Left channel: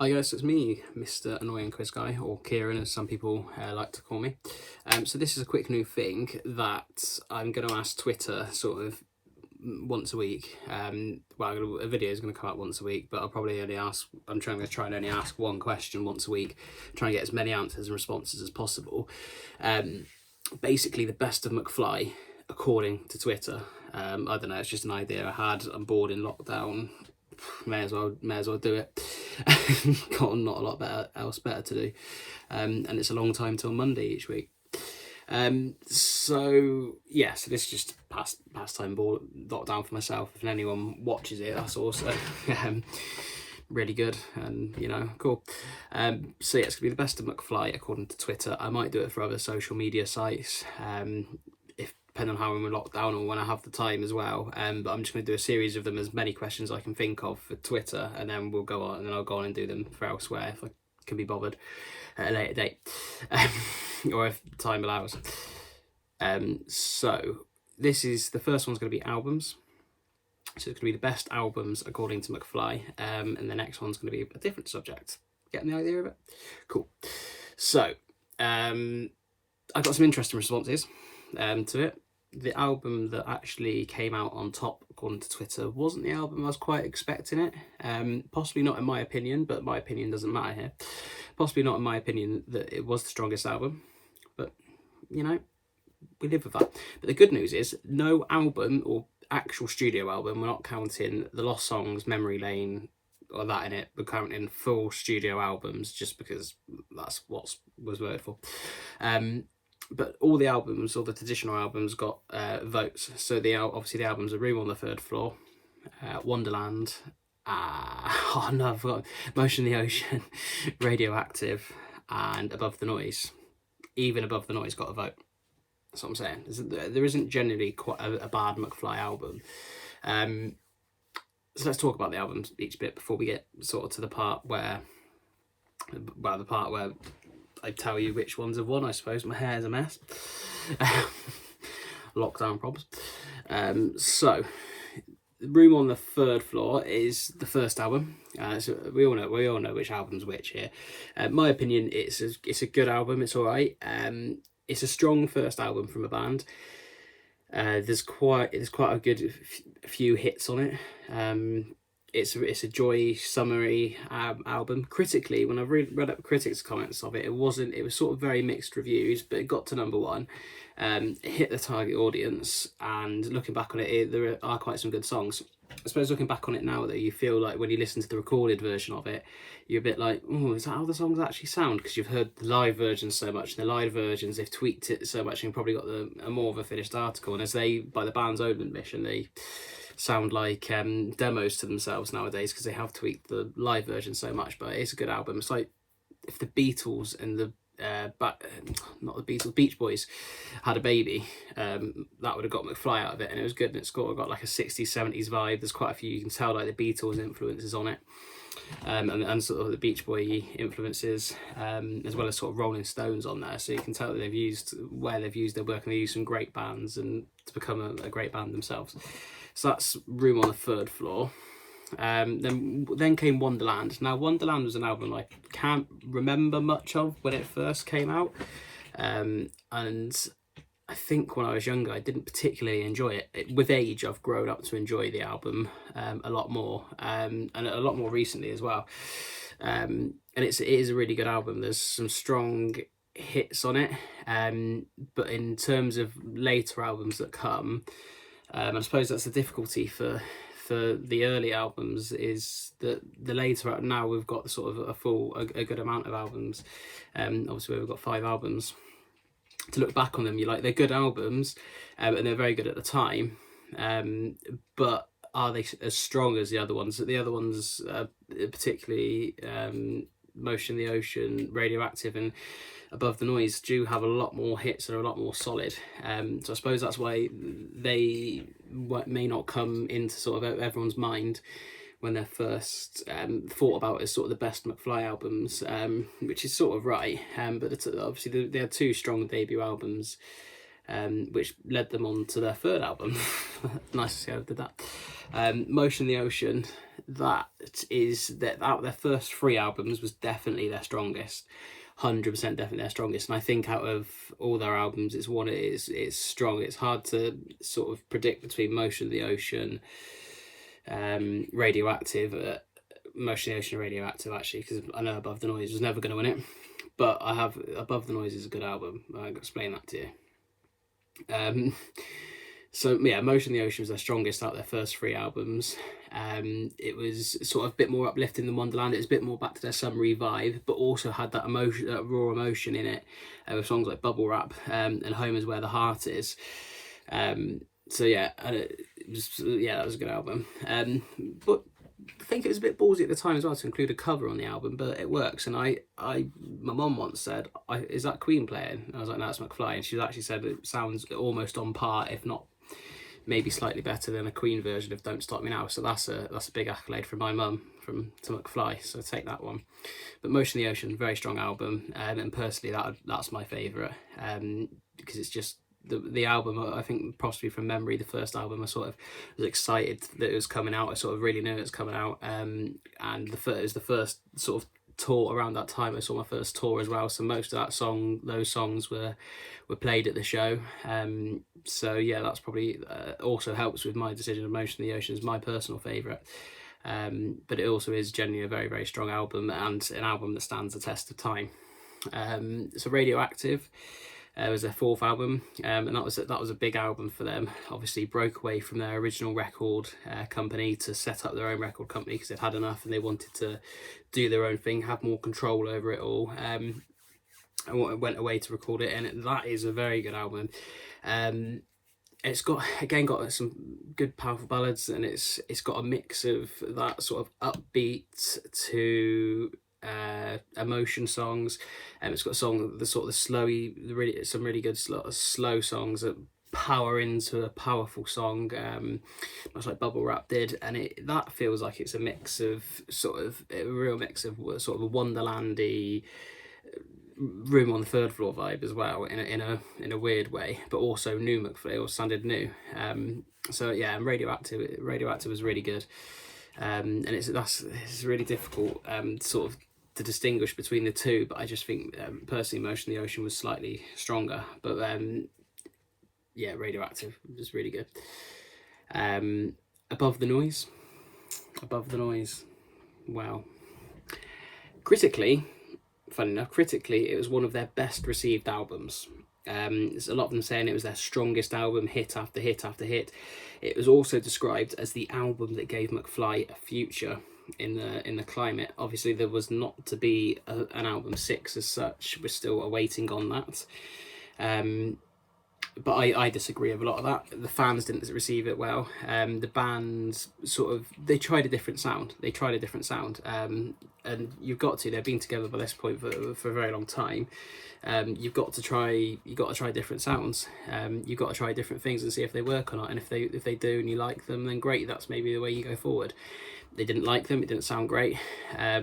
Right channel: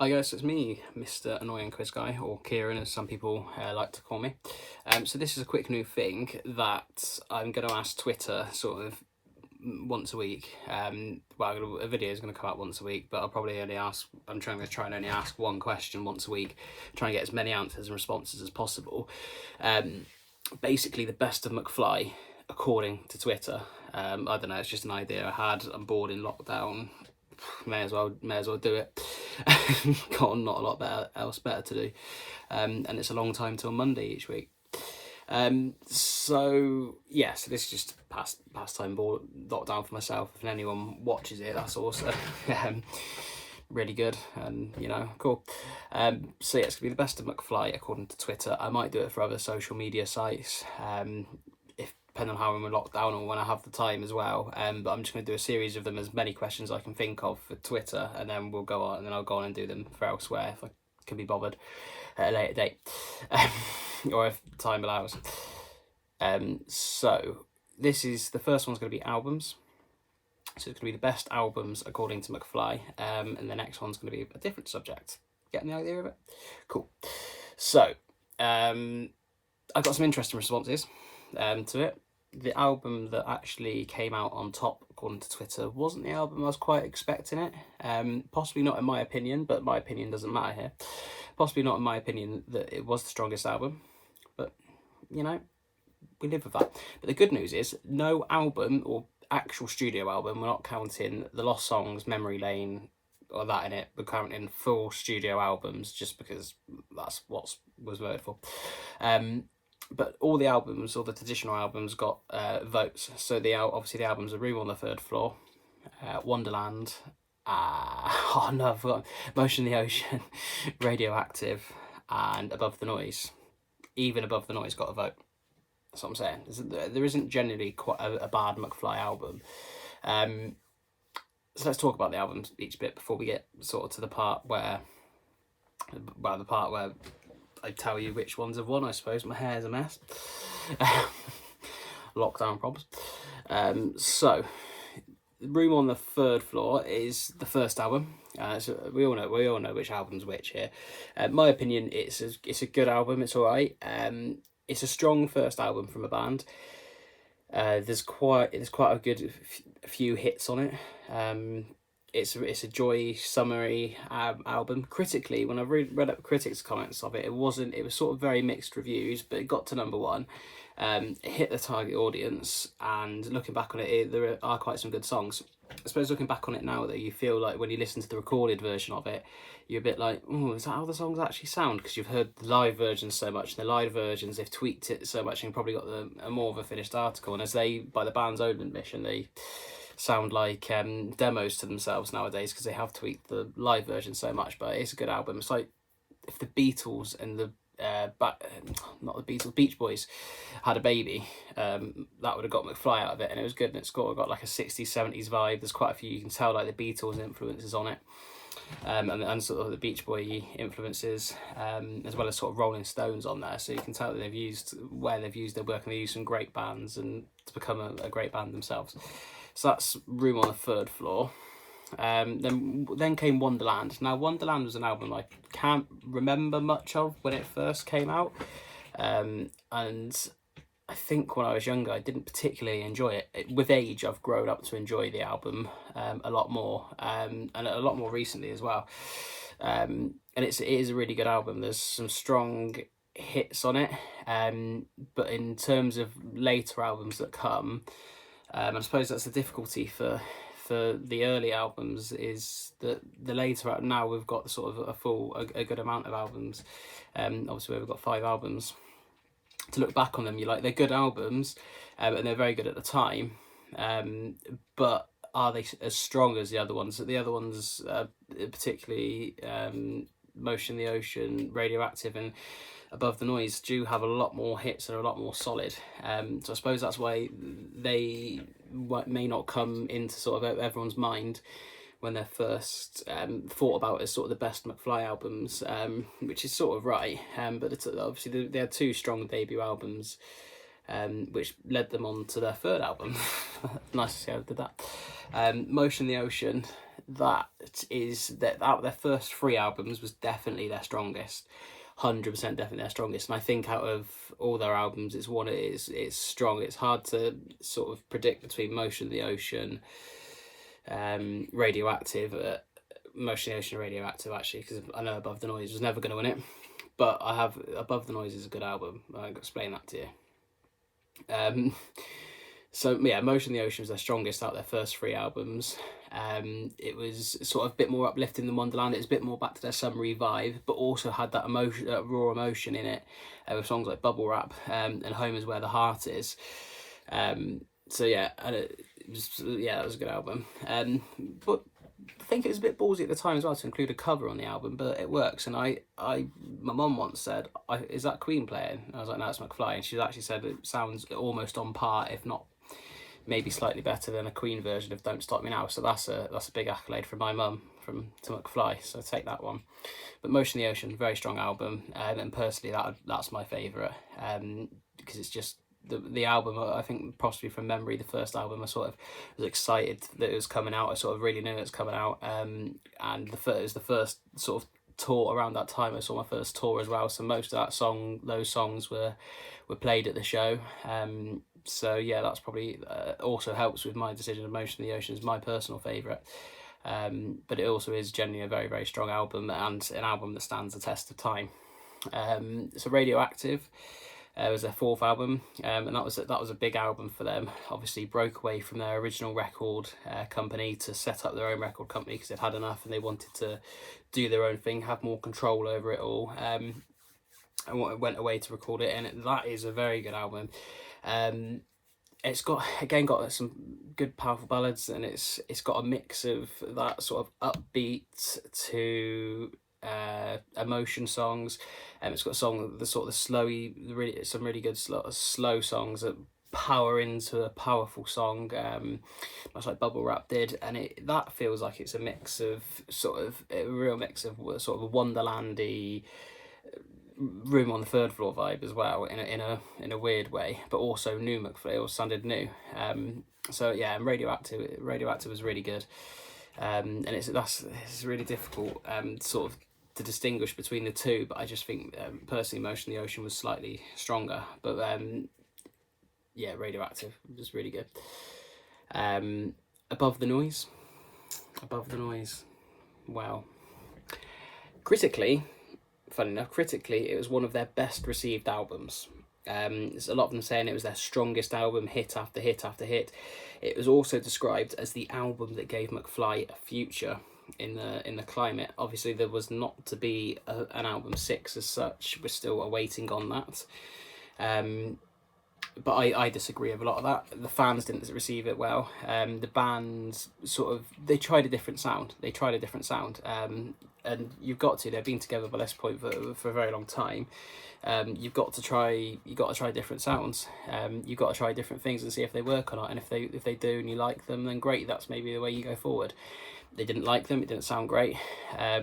Hi guys, it's me, Mr. Annoying Quiz Guy, or Kieran as some people like to call me. So this is a quick new thing that I'm going to ask Twitter sort of once a week. Well, a video is going to come out once a week, but I'll probably only ask, I'm trying to try and only ask one question once a week, try and get as many answers and responses as possible. Basically the best of McFly, according to Twitter. I don't know, it's just an idea I had. I'm bored in lockdown. May as well do it. Got not a lot else better to do, and it's a long time till Monday each week. So this is just pastime ball lockdown for myself. If anyone watches it, that's also really good and cool. So yeah, it's gonna be the best of McFly according to Twitter. I might do it for other social media sites. Depending on how I'm in lockdown or when I have the time as well. But I'm just going to do a series of them, as many questions I can think of for Twitter, and then we'll go on, and then I'll go on and do them for elsewhere if I can be bothered at a later date, or if time allows. So this is the first one's going to be albums. So it's going to be the best albums according to McFly, and the next one's going to be a different subject. Getting the idea of it? Cool. So I got some interesting responses to it. The album that actually came out on top, according to Twitter, wasn't the album I was quite expecting it. Possibly not in my opinion, but my opinion doesn't matter here. Possibly not in my opinion that it was the strongest album, but we live with that. But the good news is no album or actual studio album, we're not counting The Lost Songs, Memory Lane, or that in it, we're counting full studio albums just because that's what was voted for. But all the albums, all the traditional albums, got votes. So obviously the albums are Room on the Third Floor, Wonderland, I've forgotten, Motion in the Ocean, Radioactive, and Above the Noise. Even Above the Noise got a vote. That's what I'm saying. There isn't generally quite a bad McFly album. So let's talk about the albums each bit before we get sort of to the part where I tell you which ones have won, I suppose. My hair's a mess. Lockdown problems. So, Room on the Third Floor is the first album. So we all know which album's which here. My opinion, it's a good album. It's all right. It's a strong first album from a band. There's quite a good few hits on it. It's a joy summary album. Critically, when I read up critics' comments of it, it was sort of very mixed reviews, but it got to number one. It hit the target audience, and looking back on it, there are quite some good songs. I suppose looking back on it now, though, you feel like when you listen to the recorded version of it, you're a bit like, oh, is that how the songs actually sound? Because you've heard the live versions so much, and the live versions, they've tweaked it so much, and you've probably got a more of a finished article. And as by the band's own admission, they sound like demos to themselves nowadays because they have tweaked the live version so much. But it's a good album. It's like if the Beatles and the Beach Boys had a baby, that would have got McFly out of it, and it was good, and it's got like a 60s 70s vibe. There's quite a few, you can tell, like the Beatles influences on it, and sort of the Beach Boy influences, as well as sort of Rolling Stones on there, so you can tell that they've used their work, and they used some great bands and to become a great band themselves. So that's Room on the Third Floor. Then came Wonderland. Now Wonderland was an album I can't remember much of when it first came out, and I think when I was younger I didn't particularly enjoy it. With age I've grown up to enjoy the album a lot more, and a lot more recently as well, and it is a really good album. There's some strong hits on it, but in terms of later albums that come, I suppose that's the difficulty for the early albums, is that the later, now we've got sort of a good amount of albums. Obviously we've got 5 albums to look back on them. They're good albums, and they're very good at the time, but are they as strong as the other ones? The other ones, particularly Motion in the Ocean, Radioactive, and Above the Noise, do have a lot more hits and are a lot more solid. So I suppose that's why they may not come into sort of everyone's mind when they're first thought about as sort of the best McFly albums, which is sort of right. But obviously they had 2 strong debut albums, which led them on to their 3rd album. Nice to see how they did that. Motion in the Ocean that is that out of their first 3 albums was definitely their strongest. 100% definitely their strongest, and I think out of all their albums it's strong. It's hard to sort of predict between Motion of the Ocean, Radioactive, Motion of the Ocean and Radioactive, actually, because I know Above the Noise was never going to win it, but I have Above the Noise is a good album. I can explain that to you. So yeah, Motion of the Ocean was their strongest out of their first 3 albums. It was sort of a bit more uplifting than Wonderland. It was a bit more back to their summery vibe, but also had that emotion, that raw emotion in it, with songs like Bubble Wrap and Home Is Where the Heart Is. So yeah, that was a good album. But I think it was a bit ballsy at the time as well to include a cover on the album, but it works. And my mum once said, "Is that Queen playing?" And I was like, "No, it's McFly." And she actually said it sounds almost on par, if not maybe slightly better than a Queen version of Don't Stop Me Now. So that's a big accolade from my mum to McFly, so take that one. But Motion of the Ocean, very strong album, and personally that's my favourite, because it's just the album. I think possibly from memory, the first album I sort of was excited that it was coming out. I sort of really knew it was coming out, and it was the first sort of tour around that time. I saw my first tour as well, so most of those songs were played at the show. So yeah, that's probably also helps with my decision of Motion of the Ocean is my personal favourite. But it also is genuinely a very, very strong album, and an album that stands the test of time. So Radioactive was their 4th album, and that was a big album for them. Obviously broke away from their original record company to set up their own record company because they'd had enough and they wanted to do their own thing, have more control over it all. And went away to record it, and that is a very good album. It's got some good powerful ballads, and it's got a mix of that sort of upbeat to emotion songs, and it's got some really good slow songs that power into a powerful song, much like Bubble Wrap did, and that feels like it's a mix of a real mix of sort of a Wonderlandy Room on the Third Floor vibe as well, in a weird way, but also new McFly, or sounded new. So yeah, and Radioactive was really good, and it's really difficult sort of to distinguish between the two, but I just think personally Motion of the Ocean was slightly stronger, but yeah, Radioactive was really good. Above the Noise, wow. Critically, funny enough, it was one of their best received albums. There's a lot of them saying it was their strongest album, hit after hit after hit. It was also described as the album that gave McFly a future in the climate. Obviously there was not to be an album 6 as such. We're still awaiting on that. But I disagree with a lot of that. The fans didn't receive it well. The band they tried a different sound. And you've got to. They've been together by this point for a very long time. You've got to try different sounds. You've got to try different things and see if they work or not. And if they do and you like them, then great. That's maybe the way you go forward. They didn't like them. It didn't sound great. I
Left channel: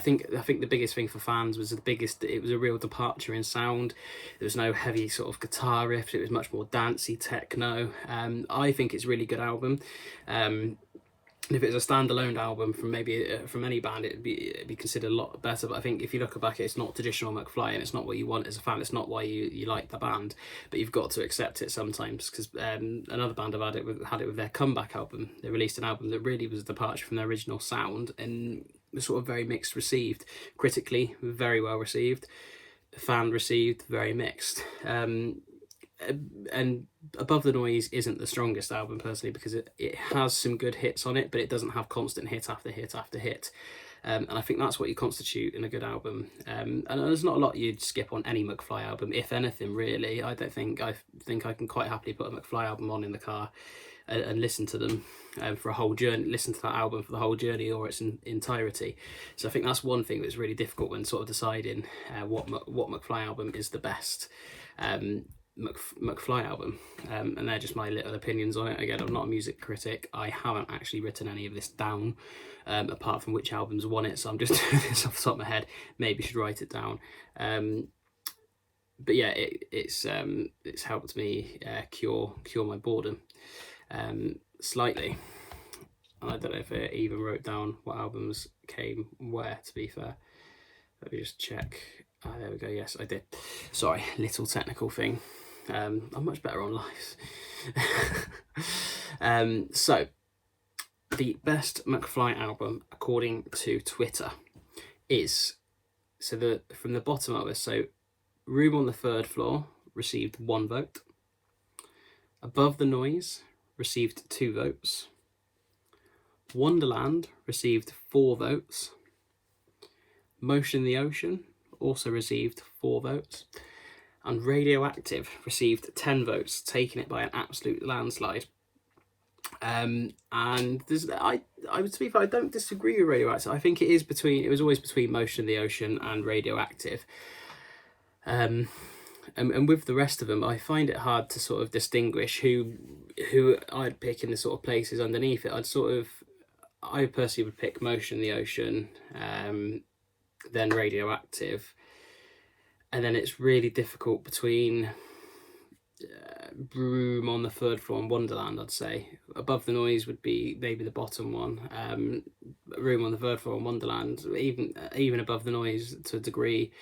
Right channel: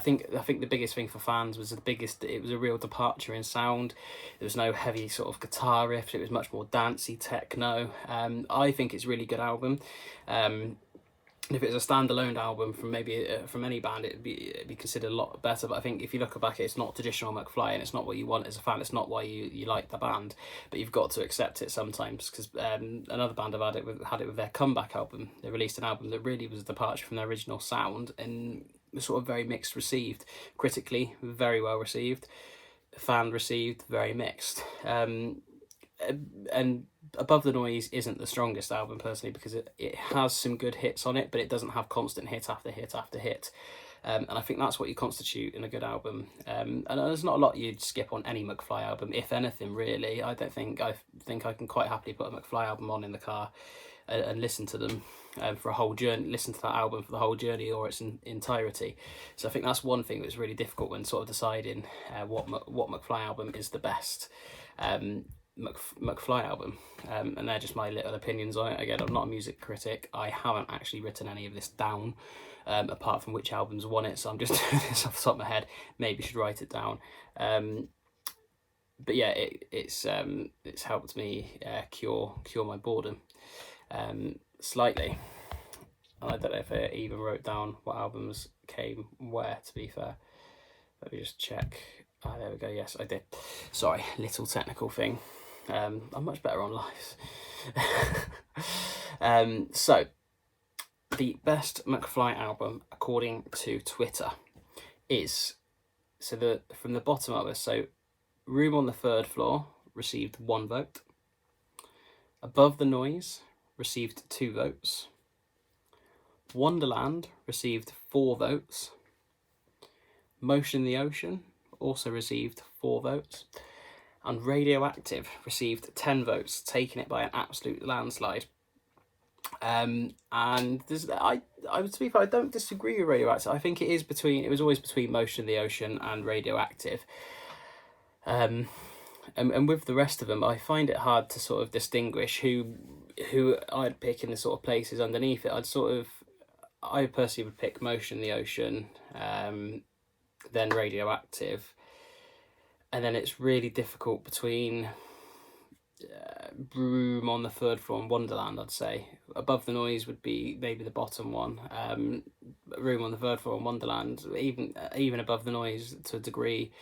think the biggest thing for fans was it was a real departure in sound. There was no heavy sort of guitar riffs. It was much more dancey techno. I think it's a really good album. If it was a standalone album from any band, it'd be considered a lot better. But I think if you look back, it's not traditional McFly, and it's not what you want as a fan. It's not why you like the band, but you've got to accept it sometimes. Because another band have had it with their comeback album. They released an album that really was a departure from their original sound, and was sort of very mixed received. Critically, very well received. Fan received, very mixed. And Above the Noise isn't the strongest album personally, because it has some good hits on it, but it doesn't have constant hit after hit after hit. And I think that's what you constitute in a good album. And there's not a lot you'd skip on any McFly album, if anything, really. I think I can quite happily put a McFly album on in the car and listen to them for a whole journey, listen to that album for the whole journey or its entirety. So I think that's one thing that's really difficult when sort of deciding what McFly album is the best McFly album. And they're just my little opinions on it. Again, I'm not a music critic. I haven't actually written any of this down, apart from which albums won it, so I'm just doing this off the top of my head. Maybe should write it down. But yeah, it's helped me cure my boredom slightly. I don't know if I even wrote down what albums came where, to be fair. Let me just check. Ah, there we go. Yes, I did. Sorry, little technical thing. I'm much better on live. So, the best McFly album, according to Twitter, is, from the bottom of it, so Room on the Third Floor received 1 vote. Above the Noise received 2 votes. Wonderland received 4 votes. Motion in the Ocean also received 4 votes. And Radioactive received 10 votes, taking it by an absolute landslide. And I to be fair, I don't disagree with Radioactive. I think it was always between Motion in the Ocean and Radioactive. And with the rest of them, I find it hard to sort of distinguish who I'd pick in the sort of places underneath it. I personally would pick Motion in the Ocean, then Radioactive, and then it's really difficult between Room on the Third Floor and Wonderland, I'd say. Above the Noise would be maybe the bottom one. Room on the Third Floor and Wonderland, even Above the Noise to a degree,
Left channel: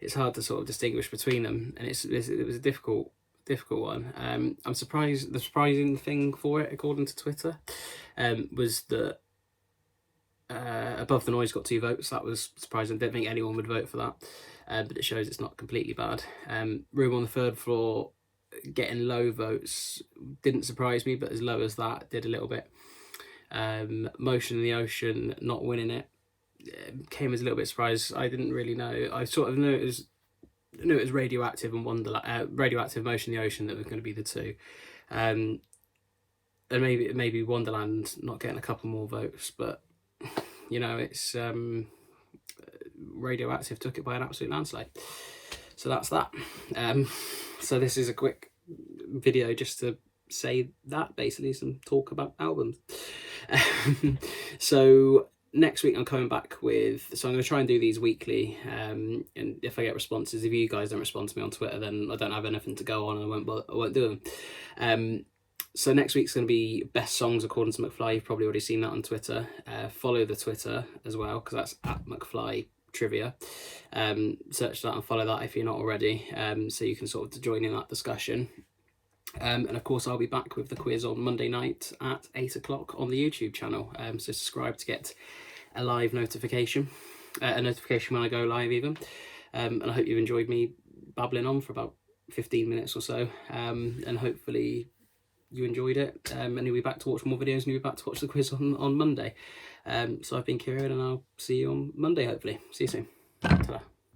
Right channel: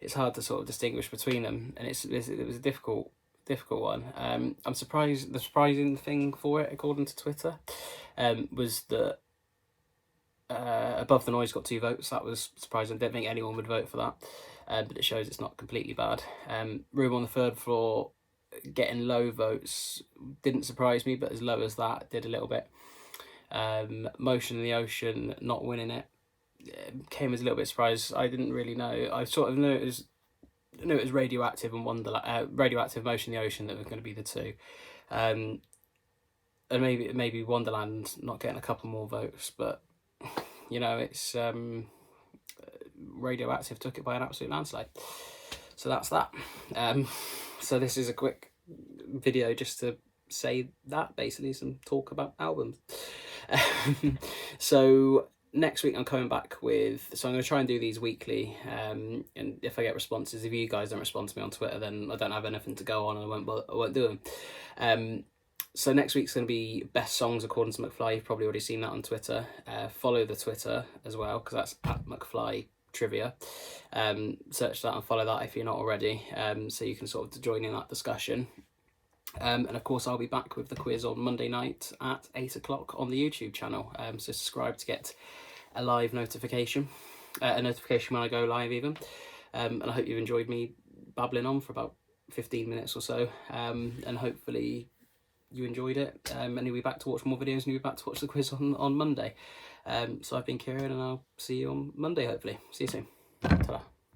it's hard to sort of distinguish between them, and it was a difficult one. I'm surprised. The surprising thing for it, according to Twitter, was that Above the Noise got 2 votes. That was surprising. I don't think anyone would vote for that, but it shows it's not completely bad. Room on the Third Floor getting low votes didn't surprise me, but as low as that did a little bit. Motion in the Ocean not winning it came as a little bit surprised. I didn't really know. I sort of knew it was Radioactive and Radioactive, Motion in the Ocean that were going to be the 2, and maybe Wonderland not getting a couple more votes, but it's Radioactive took it by an absolute landslide. So that's that. So this is a quick video just to say that, basically, some talk about albums. So next week I'm coming back so I'm going to try and do these weekly, and if I get responses, if you guys don't respond to me on Twitter, then I don't have anything to go on and I won't do them. So next week's going to be best songs according to McFly. You've probably already seen that on Twitter. Follow the Twitter as well, because that's at McFly Trivia. Search that and follow that if you're not already, so you can sort of join in that discussion. And of course I'll be back with the quiz on Monday night at 8 o'clock on the YouTube channel, so subscribe to get a live notification, a notification when I go live even. And I hope you've enjoyed me babbling on for about 15 minutes or so, and hopefully you enjoyed it, and you'll be back to watch more videos, and you'll be back to watch the quiz on Monday. So I've been Kieran, and I'll see you on Monday, hopefully. See you soon. Ta-da.